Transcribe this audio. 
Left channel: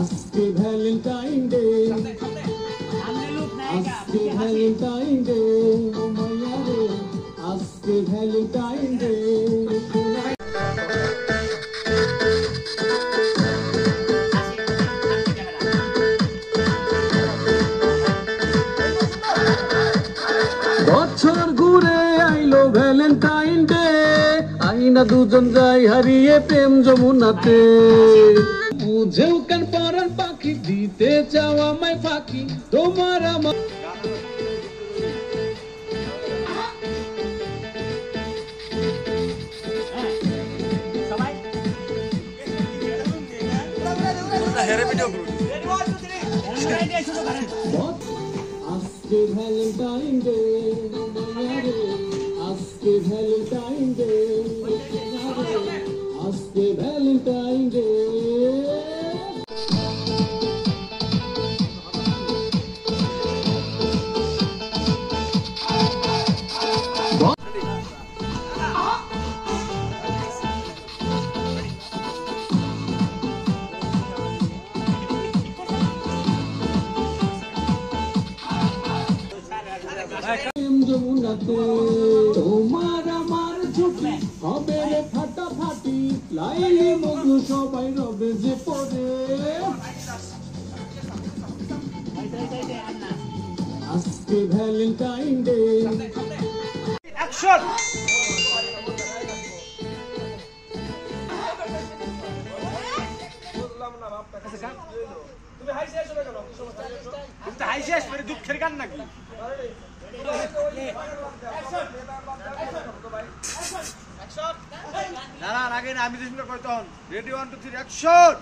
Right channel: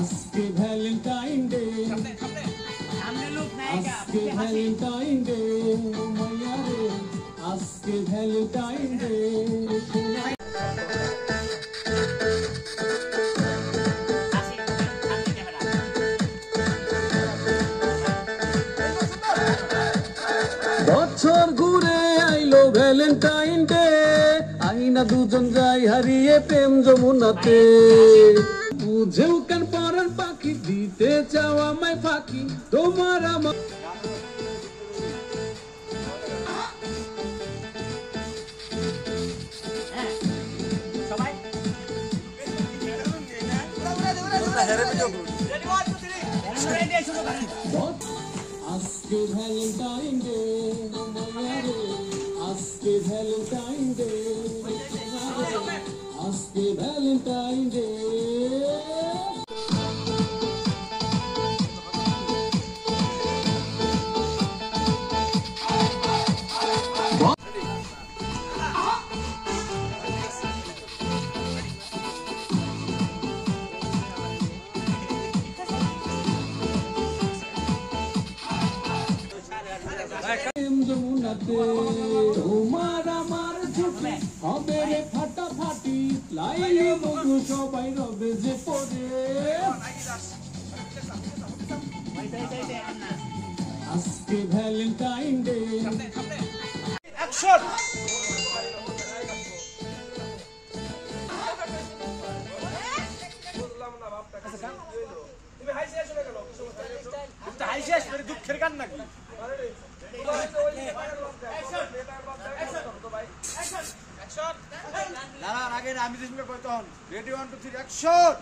আজকে Valentine day, আজকে Valentine day, ও মাইয়া রে আজকে ভ্যালেন্টাইন ডে। বছর ঘুরে আইলো ভ্যালেন্টাইন ডে, আইনা দুজন যাই হারিয়ে প্রেম যমুনাতে। বুঝেও কেন পরার পাখি দিতে চাও আমায় ফাঁকি, তোমার আমার আজকে ভ্যালেন্টাইন ডে, আজকে ভ্যালেন্টাইন ডে, আজকে ভ্যালেন্টাইন ডে। তোমার আমার ছুটি হবে ফাটাফাটি, লাইলি মধু সবাই রবে যে পড়ে। আজকে ভ্যালেন্টাইন ডে, অ্যাকশন। তুমি হাই শেষ না কেন? তুমি হাই শেষ মানে দুঃখের গান নাকি? না না আগে আমি যেটা কইতাম, রেডি 1 2 3 অ্যাকশন।